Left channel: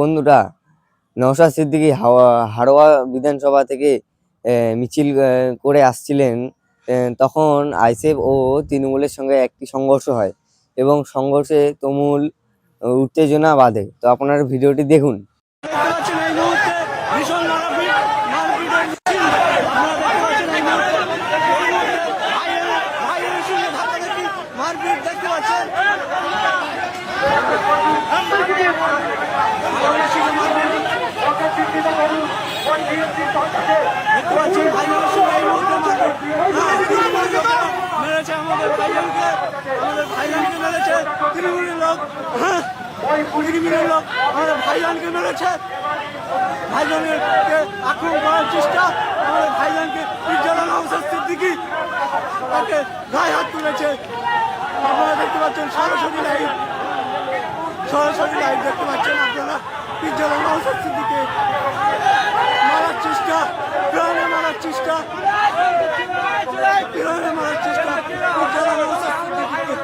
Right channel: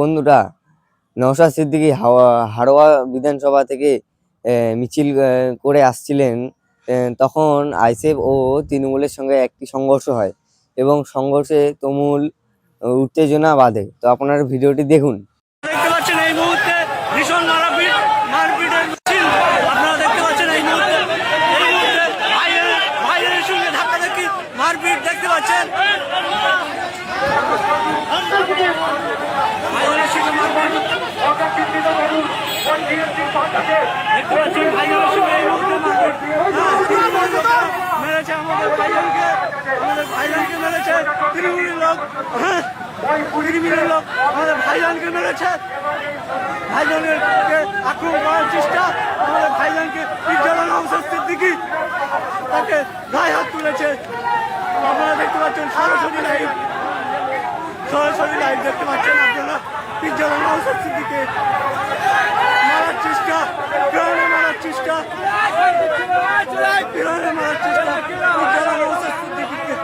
বন্ধুরা, নওশাদ সিদ্দিকী হাড়োয়া বিধানসভা থেকে মিছিল করে আসছিলেন। তখন আইএসএফ ও তৃণমূলের সঙ্গে একটি সংঘর্ষ হয় এবং সংঘর্ষে তুমুল উত্তেজনা বাধে। তো আপনারা ভিডিওটি দেখুন। দেখতে পাচ্ছেন এই মুহূর্তে ভীষণ মারপিটের মিছিল আপনারা দেখতে পাচ্ছেন এই মুহূর্তে ভাইয়ের সঙ্গে ধাক্কাধাক্কি মারপিট দেখতে পাচ্ছেন। ভাইয়ের সঙ্গে মারপিট দেখতে পাচ্ছেন, ভাইয়ের সঙ্গে এই মুহূর্তে মারপিট। মেরেছে আমাদের ভাইজানকে মেরেছে তৃণমূলের লোক। আমাদের ভাইজানকে মেরেছে, ভাইজানকে আক্রমণ করার চেষ্টা। আমাদের ভাইজানকে নওশাদ সিদ্দিকী তাকে গায়ে হাত তুলেছে। আপনারা দেখতে পাচ্ছেন সরাসরি লাইভ দেখতে পাচ্ছেন আপনারা। নওশাদ সিদ্দিকীকে মারার চেষ্টা, প্রাণে মারার চেষ্টা নওশাদ সিদ্দিকীকে।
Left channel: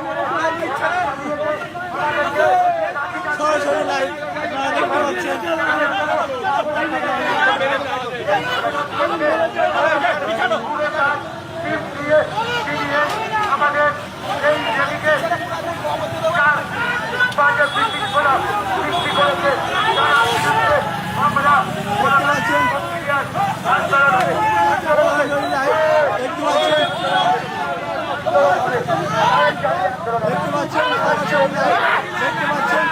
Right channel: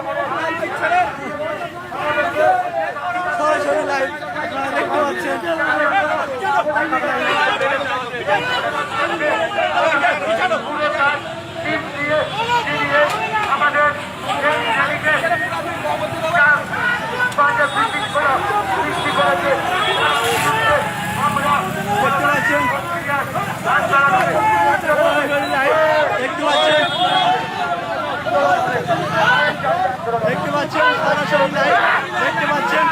সরাসরি লাইভ আপনারা দেখতে পাচ্ছেন। দেখতে পাচ্ছেন সরাসরি লাইভ দেখতে পাচ্ছেন।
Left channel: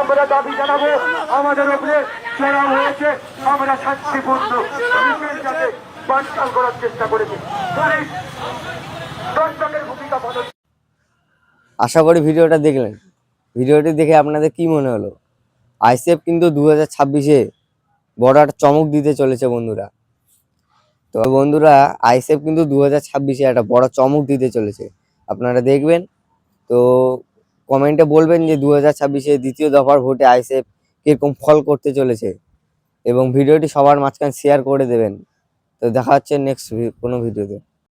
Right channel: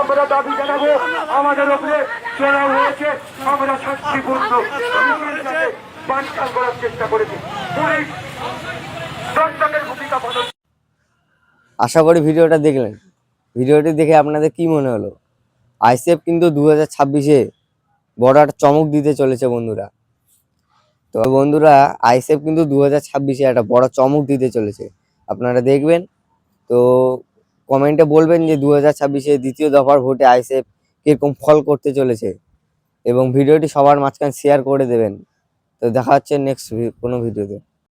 আমরা দাবি জানাবো, আমাদের উপরে চড়াও হয়েছে, আমরা শান্তিপূর্ণ বানচাল করার চেষ্টা করেছি। দর্শকের ভূমিকা পালন। আশা করি ভিডিওটা দেখলেন। ভিডিওটি দেখে আপনাদের কি মনে হলো? আইএসএফ কিন্তু 2026-এ বড় একটা চমক দিতে চলেছে বন্ধুরা। তো বন্ধুরা, আইএসএফ কিন্তু 2026-এ একটা বড় চমক দিতে চলেছে, আপনারা দেখবেন। তো কমেন্টে বলবেন যে 2026-এ দ্বিতীয় দফার ভোটে আইএসএফ কিরকম ফল করতে চলেছে, এবং ভিডিওটি সবার মাঝখানে শেয়ার করে দেবেন। তো দেখা হচ্ছে নেক্সট কোনো ভিডিওতে।